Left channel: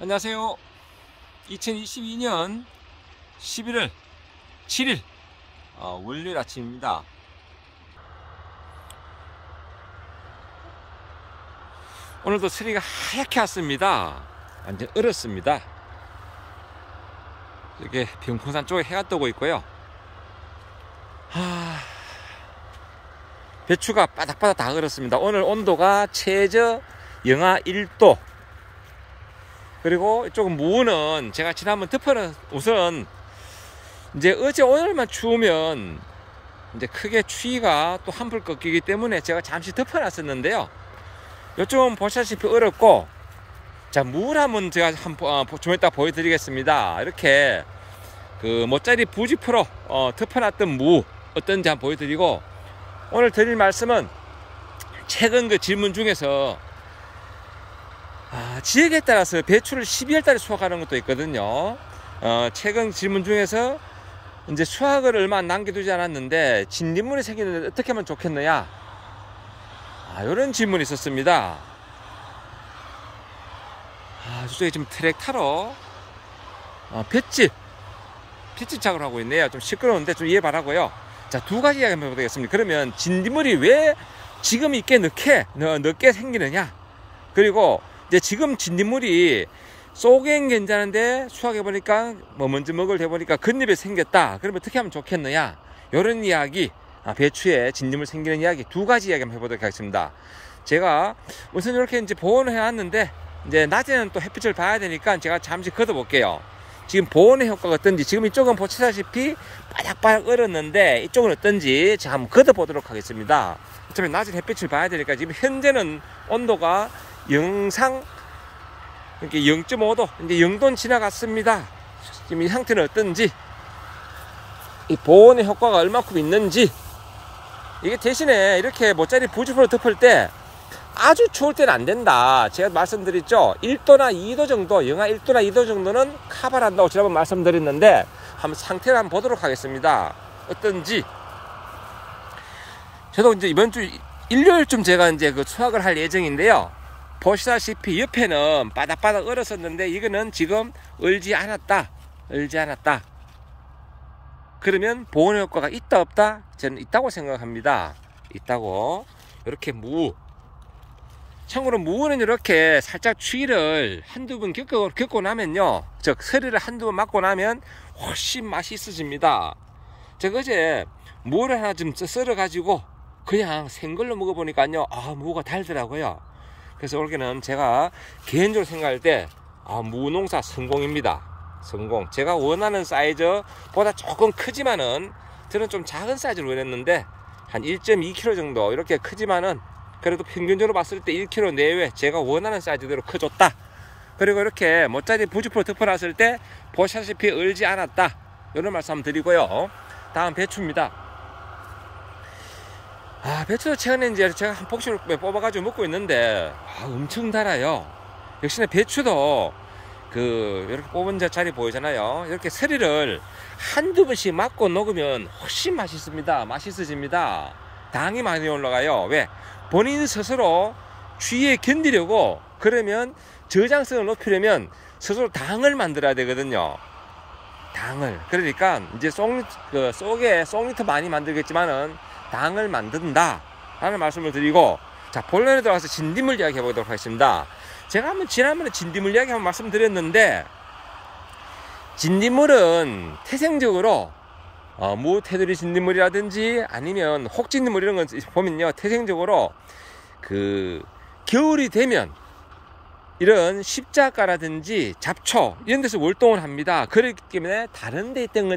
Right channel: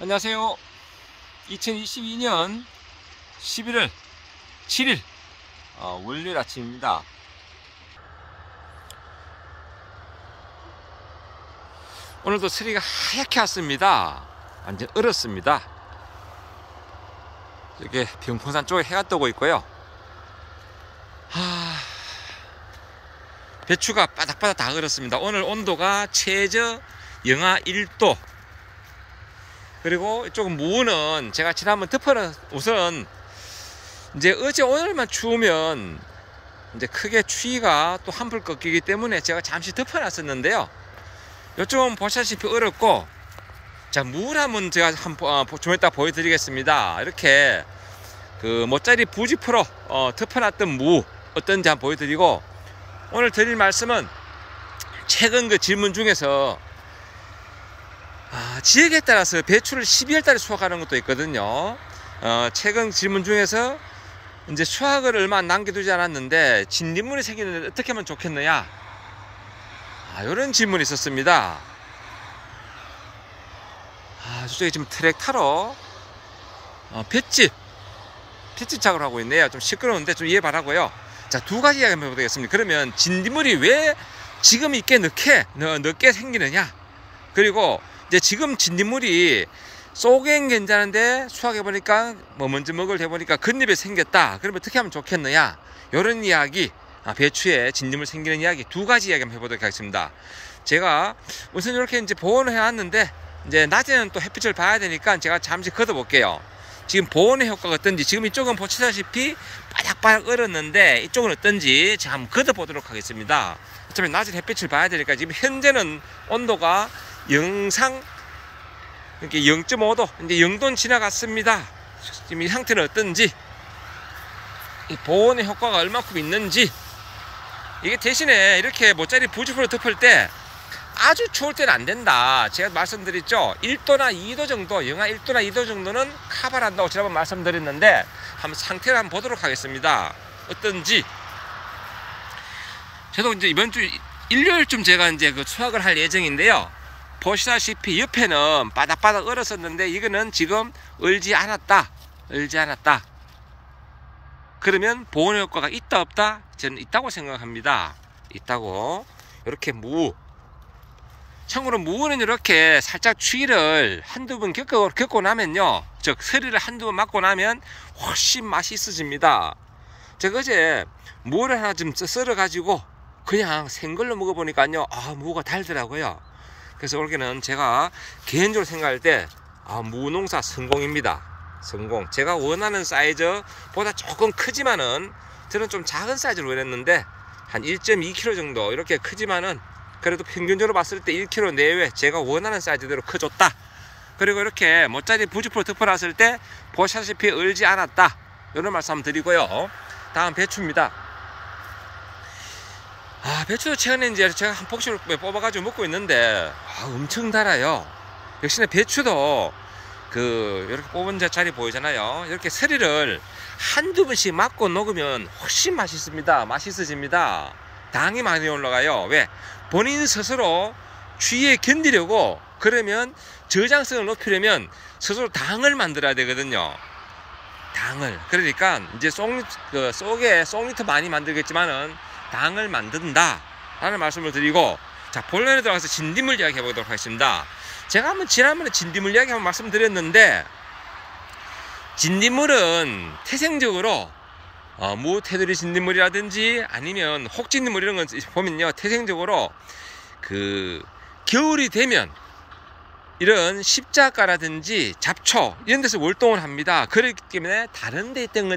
안녕하세요. 2022년 11월 7일 월요일 아침입니다. 오늘도 서리가 하얗게 왔습니다. 완전 얼었습니다. 이렇게 병풍산 쪽에 해가 뜨고 있고요. 배추가 바닥바닥 다 얼었습니다. 오늘 온도가 최저 영하 1도. 그리고 이쪽은 무는 제가 지난번 덮어는 우선 이제 어제 오늘만 추우면 이제 크게 추위가 또 한풀 꺾이기 때문에 제가 잠시 덮어놨었는데요. 이쪽은 보시다시피 얼었고, 자, 물 한번 제가 좀 이따 보여드리겠습니다. 이렇게 그 모짜리 부지포로 덮어놨던 무 어떤지 한번 보여드리고, 오늘 드릴 말씀은 최근 그 질문 중에서 지역에 따라서 배추를 12월 달에 수확하는 것도 있거든요. 최근 질문 중에서 이제 수확을 얼마 남겨두지 않았는데 진딧물이 생기는데 어떻게 하면 좋겠느냐, 이런 질문이 있었습니다. 저쪽에 지금 트랙터로 볏짚 작업을 하고 있네요. 좀 시끄러운데 좀 이해 바라고요. 자, 두 가지 이야기 한번 해보겠습니다. 그러면 진딧물이 왜 지금 이렇게 늦게 생기느냐, 그리고 이제 지금 진딧물이 쏘개는 괜찮은데 수확해보니까 먼저 먹을 해보니까 겉잎에 생겼다. 그러면 어떻게 하면 좋겠느냐, 이런 이야기, 배추에 진딧물 생기는 이야기 두 가지 이야기 한번 해보도록 하겠습니다. 제가 우선 이렇게 이제 보온을 해놨는데 이제 낮에는 또 햇빛을 봐야 되니까 제가 잠시 걷어볼게요. 지금 보온의 효과가 어떤지, 지금 이쪽은 보시다시피 바닥바닥 얼었는데 이쪽은 어떤지 제가 한번 걷어보도록 하겠습니다. 어차피 낮에 햇빛을 봐야 되니까 지금 현재는 온도가 영상 이렇게 0.5도, 이제 0도는 지나갔습니다. 지금 이 상태는 어떤지, 이 보온의 효과가 얼마큼 있는지. 이게 대신에 이렇게 모짜리 부지포로 덮을 때 아주 추울 때는 안 된다. 제가 말씀드렸죠. 1도나 2도 정도, 영하 1도나 2도 정도는 커버를 한다고 지난번 말씀드렸는데, 한번 상태를 한번 보도록 하겠습니다. 어떤지. 저도 이제 이번 주 일요일쯤 제가 이제 그 수확을 할 예정인데요. 보시다시피 옆에는 바닥바닥 얼었었는데 이거는 지금 얼지 않았다. 그러면 보온 효과가 있다 없다? 저는 있다고 생각합니다. 있다고. 이렇게 참고로 무는 이렇게 살짝 추위를 한두 번 겪고 나면요, 즉 서리를 한두 번 맞고 나면 훨씬 맛이 있어집니다. 제가 어제 무를 하나 좀 썰어 가지고 그냥 생걸로 먹어보니까요, 무가 달더라고요. 그래서 올해는 제가 개인적으로 생각할 때 무농사 성공입니다. 성공. 제가 원하는 사이즈보다 조금 크지만은, 저는 좀 작은 사이즈를 원했는데 한 1.2kg 정도 이렇게 크지만은 그래도 평균적으로 봤을 때 1kg 내외 제가 원하는 사이즈대로 커줬다. 그리고 이렇게 모짜리 부지포로 덮어놨을 때 보시다시피 얼지 않았다. 이런 말씀 한번 드리고요. 다음 배추입니다. 배추도 최근에 이제 제가 한 폭식을 뽑아가지고 먹고 있는데 엄청 달아요. 역시나 배추도 이렇게 뽑은 자리 보이잖아요. 이렇게 서리를 한두 번씩 맞고 녹으면 훨씬 맛있어집니다. 당이 많이 올라가요. 왜? 본인 스스로 추위에 견디려고, 그러면 저장성을 높이려면 스스로 당을 만들어야 되거든요. 당을. 그러니까 이제 속에 쏙리터 많이 만들겠지만은 당을 만든다 라는 말씀을 드리고, 자, 본론에 들어가서 진딧물 이야기 해보도록 하겠습니다. 제가 지난번에 진딧물 이야기 한번 말씀드렸는데, 진딧물은 태생적으로 무 테두리 진딧물이라든지 아니면 혹진딧물 이런 건 보면요, 태생적으로 겨울이 되면 이런 십자가라든지 잡초 이런 데서 월동을 합니다. 그렇기 때문에 다른 데 있던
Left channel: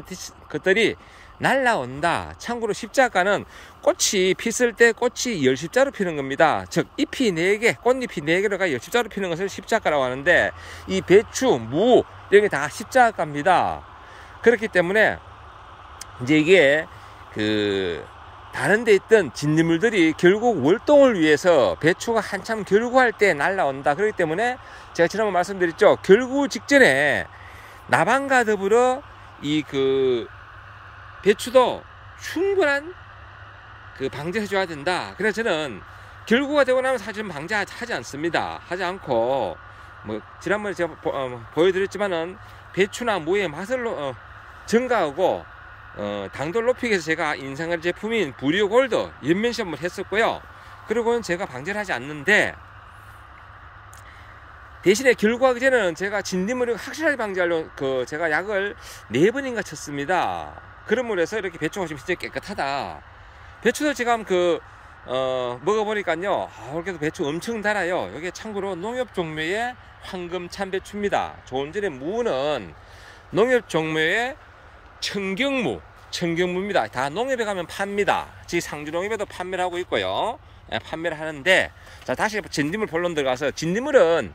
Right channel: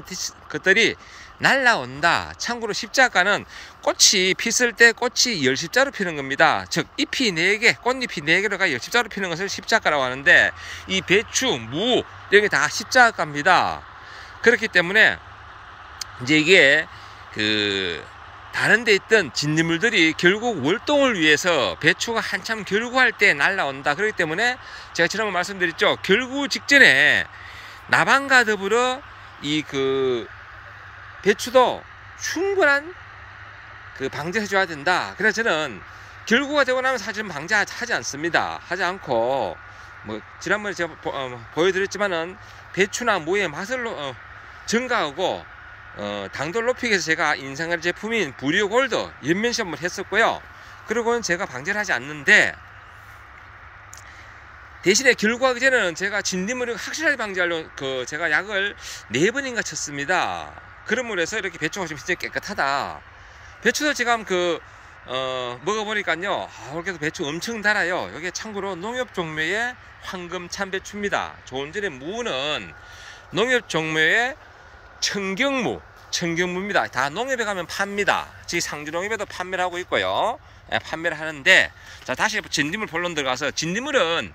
것들이 날라온다. 참고로 십자가는 꽃이 피었을 때 꽃이 10십자로 피는 겁니다. 즉 잎이 4개, 꽃잎이 4개로가 10십자로 피는 것을 십자가라고 하는데, 이 배추, 무 이런 게 다 십자가입니다. 그렇기 때문에 이제 이게 다른 데 있던 진딧물들이 결국 월동을 위해서 배추가 한참 결구할 때 날라온다. 그렇기 때문에 제가 지난번 말씀드렸죠. 결구 직전에 나방과 더불어 배추도 충분한 방제해 줘야 된다. 그래서 저는 결구가 되고 나면 사실 방제하지 않습니다. 하지 않고 뭐 지난번에 제가 보여드렸지만은 배추나 무의 맛을 증가하고 당도를 높이기 위해서 제가 인생할 제품인 부리오 골드 연면 시험을 했었고요. 그리고는 제가 방제를 하지 않는데, 대신에 결과하기 전에는 제가 진딧물을 확실하게 방지하려고 제가 약을 4번인가 쳤습니다. 그러므로 해서 이렇게 배추가 지금 진짜 깨끗하다. 배추도 지금 먹어보니까요, 이렇게 배추 엄청 달아요. 이게 참고로 농협 종묘의 황금 참배추입니다. 조금 전에 무는 농협 종묘의 청경무입니다. 다 농협에 가면 팝니다. 지금 상주농협에도 판매를 하고 있고요. 판매를 하는데, 자, 다시 진딧물 본론 들어가서, 진딧물은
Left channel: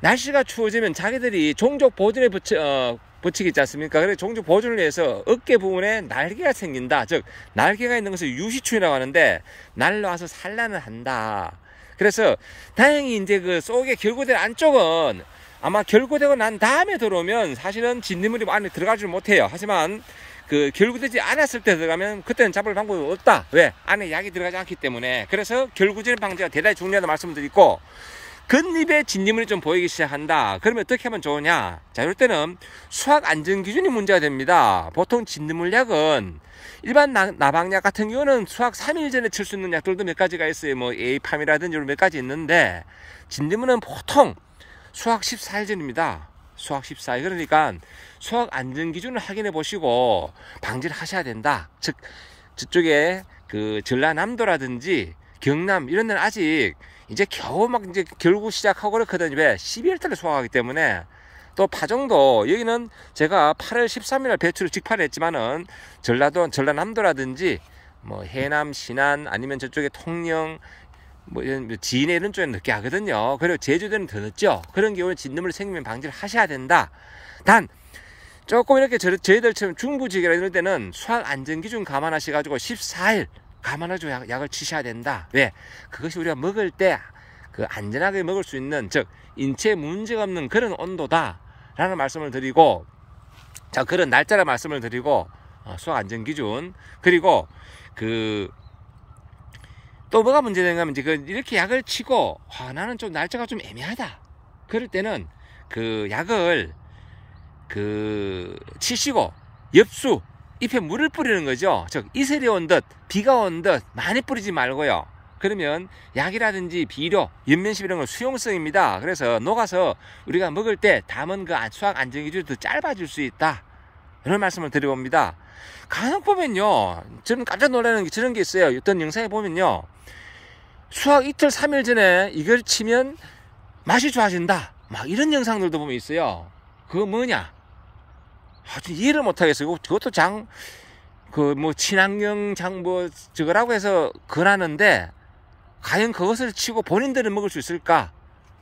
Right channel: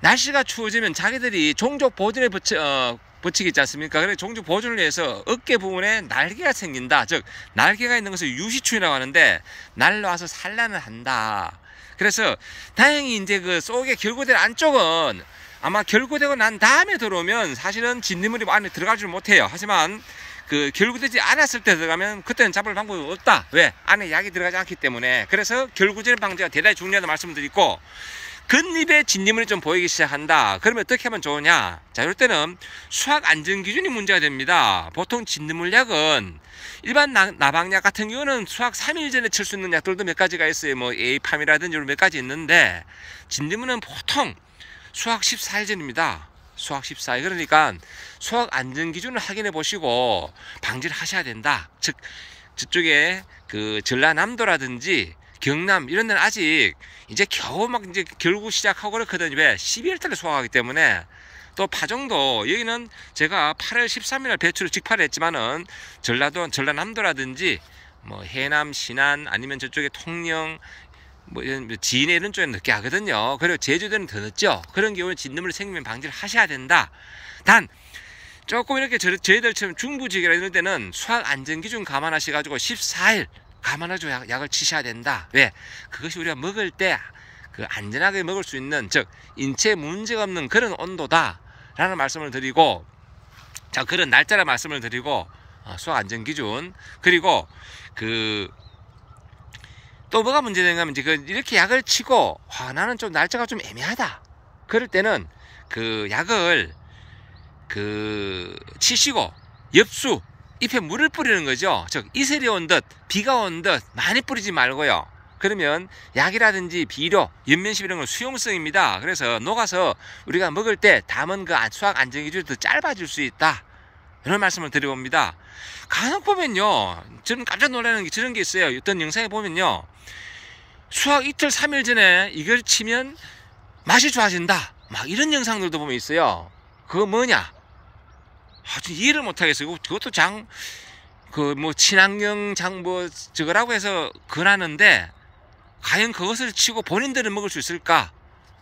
날씨가 추워지면 자기들이 종족 보존에 붙이기 있지 않습니까? 그래서 종족 보존을 위해서 어깨 부분에 날개가 생긴다. 즉, 날개가 있는 것을 유시충이라고 하는데, 날라와서 산란을 한다. 그래서 다행히 이제 그 속에 결고된 안쪽은 아마 결고되고 난 다음에 들어오면 사실은 진딧물이 안에 들어가지 못해요. 하지만 결고되지 않았을 때 들어가면 그때는 잡을 방법이 없다. 왜? 안에 약이 들어가지 않기 때문에. 그래서 결고질 방지가 대단히 중요하다는 말씀을 드리고, 겉잎에 진딧물이 좀 보이기 시작한다. 그러면 어떻게 하면 좋으냐? 자, 이럴 때는 수확 안전 기준이 문제가 됩니다. 보통 진딧물약은 일반 나방약 같은 경우는 수확 3일 전에 칠 수 있는 약들도 몇 가지가 있어요. 뭐 에이팜이라든지 몇 가지 있는데, 진딧물은 보통 수확 14일 전입니다. 수확 14일. 그러니까 수확 안전 기준을 확인해 보시고 방지를 하셔야 된다. 즉, 저쪽에 전라남도라든지 경남 이런 데는 아직 이제 겨우 막 이제 결국 시작하고 그렇거든요. 왜? 12월 달에 수확하기 때문에. 또 파종도 여기는 제가 8월 13일 배추를 직파를 했지만은 전라남도라든지 뭐 해남, 신안 아니면 저쪽에 통영 뭐 이런 진해 이런 쪽에 늦게 하거든요. 그리고 제주도는 더 늦죠. 그런 경우에 진딧물 생기면 방지를 하셔야 된다. 단 조금 이렇게 저희들처럼 중부지역이나 이런 데는 수확 안전 기준 감안하셔가지고 14일 감안하시고 약을 치셔야 된다. 왜? 그것이 우리가 먹을 때 안전하게 먹을 수 있는, 즉 인체에 문제가 없는 그런 온도다 라는 말씀을 드리고, 자, 그런 날짜라 말씀을 드리고, 수확 안전 기준. 그리고 또 뭐가 문제되는가 하면 이제 이렇게 약을 치고 나는 좀 날짜가 좀 애매하다. 그럴 때는 약을 치시고 엽수 잎에 물을 뿌리는 거죠. 즉 이슬이 온 듯 비가 온 듯 많이 뿌리지 말고요. 그러면 약이라든지 비료, 연면십 이런 건 수용성입니다. 그래서 녹아서 우리가 먹을 때 담은 수확 안전 기준이 더 짧아질 수 있다. 이런 말씀을 드려봅니다. 간혹 보면요, 저는 깜짝 놀라는 게 저런 게 있어요. 어떤 영상에 보면요, 수확 이틀 3일 전에 이걸 치면 맛이 좋아진다, 막 이런 영상들도 보면 있어요. 그거 뭐냐? 이해를 못하겠어요. 그것도 친환경 저거라고 해서 그러는데, 과연 그것을 치고 본인들은 먹을 수 있을까?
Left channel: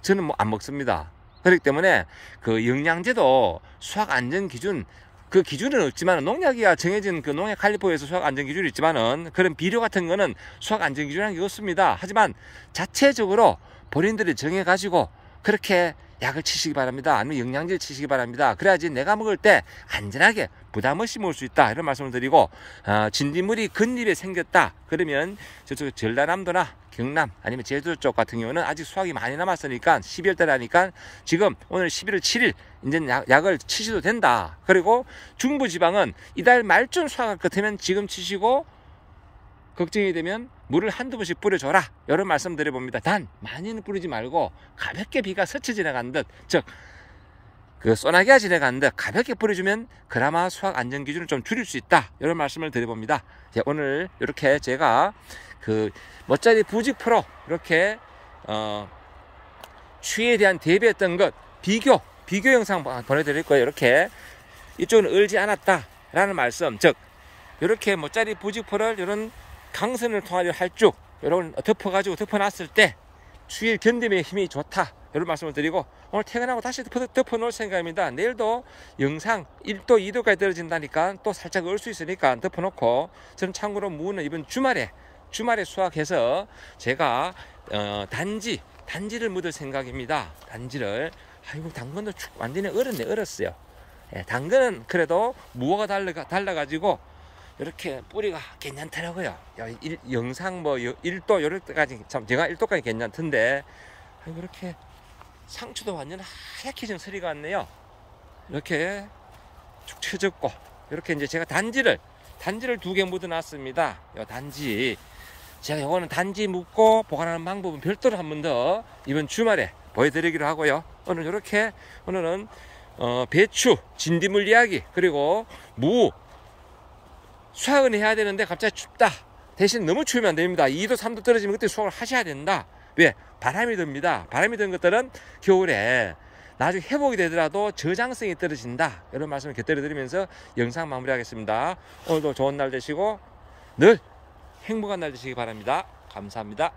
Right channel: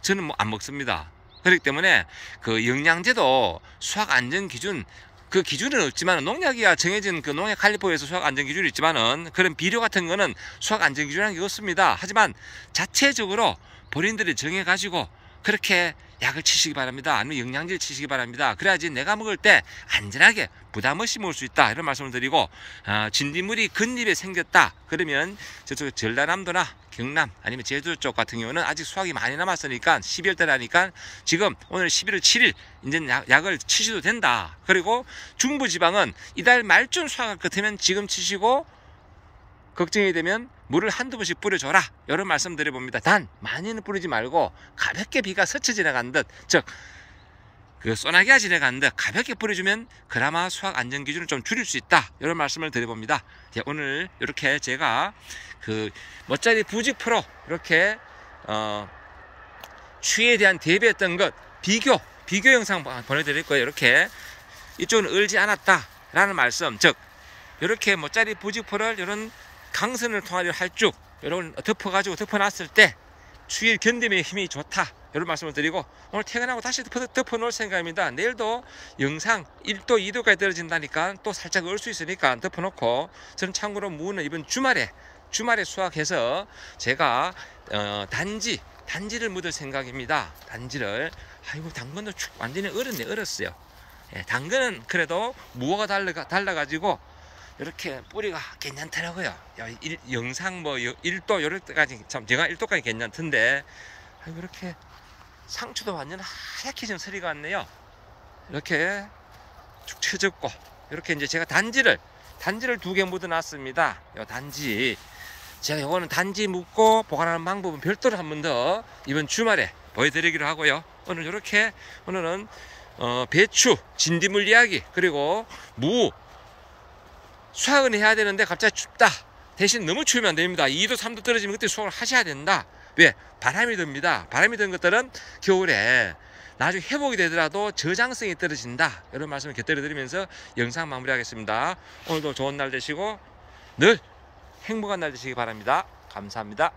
저는 안 먹습니다. 그렇기 때문에 영양제도 수확 안전 기준, 기준은 없지만, 농약이야 정해진 농약 칼리포에서 수확 안전 기준이 있지만은, 그런 비료 같은 거는 수확 안전 기준이라는 게 없습니다. 하지만 자체적으로 본인들이 정해가지고 그렇게 약을 치시기 바랍니다. 아니면 영양제를 치시기 바랍니다. 그래야지 내가 먹을 때 안전하게 부담 없이 먹을 수 있다. 이런 말씀을 드리고, 진딧물이 겉잎에 생겼다. 그러면 저쪽 전라남도나 경남 아니면 제주 쪽 같은 경우는 아직 수확이 많이 남았으니까 12월 달에 하니까 지금 오늘 11월 7일 이제 약을 치셔도 된다. 그리고 중부지방은 이달 말쯤 수확할 것 같으면 지금 치시고, 걱정이 되면 물을 한두 번씩 뿌려줘라. 이런 말씀 드려봅니다. 단 많이는 뿌리지 말고 가볍게 비가 스쳐 지나간 듯, 즉 소나기가 지나간 듯 가볍게 뿌려주면 그나마 수확 안전 기준을 좀 줄일 수 있다. 이런 말씀을 드려봅니다. 오늘 이렇게 제가 멋자리 부직 프로 이렇게 추위에 대한 대비했던 것 비교 영상 보내드릴 거예요. 이렇게 이쪽은 얼지 않았다 라는 말씀, 즉 이렇게 멋자리 부직 프로를 이런 강선을 통하여 할쭉 이런 덮어놨을 때 추위를 견디는 힘이 좋다. 이런 말씀을 드리고, 오늘 퇴근하고 다시 덮어놓을 생각입니다. 내일도 영상 1도 2도까지 떨어진다니까 또 살짝 얼 수 있으니까 덮어놓고, 저는 참고로 무는 이번 주말에 수확해서 제가 단지를 묻을 생각입니다. 단지를. 아이고, 당근도 완전히 얼었어요. 예, 당근은 그래도 무화가 달라가지고 이렇게 뿌리가 괜찮더라고요. 영상 1도 이럴 때까지 참 제가 1도까지 괜찮던데, 이렇게 상추도 완전 하얗게 지금 서리가 왔네요. 이렇게 축 처졌고, 이렇게 이제 제가 단지를 2개 묻어 놨습니다. 요 단지. 제가 요거는 단지 묻고 보관하는 방법은 별도로 한 번 더 이번 주말에 보여드리기로 하고요. 오늘은 배추, 진딧물 이야기, 그리고 무 수확은 해야 되는데 갑자기 춥다. 대신 너무 추우면 안 됩니다. 2도 3도 떨어지면 그때 수확을 하셔야 된다. 왜? 바람이 듭니다. 바람이 든 것들은 겨울에 나중에 회복이 되더라도 저장성이 떨어진다. 이런 말씀을 곁들여 드리면서 영상 마무리하겠습니다. 오늘도 좋은 날 되시고 늘 행복한 날 되시기 바랍니다. 감사합니다.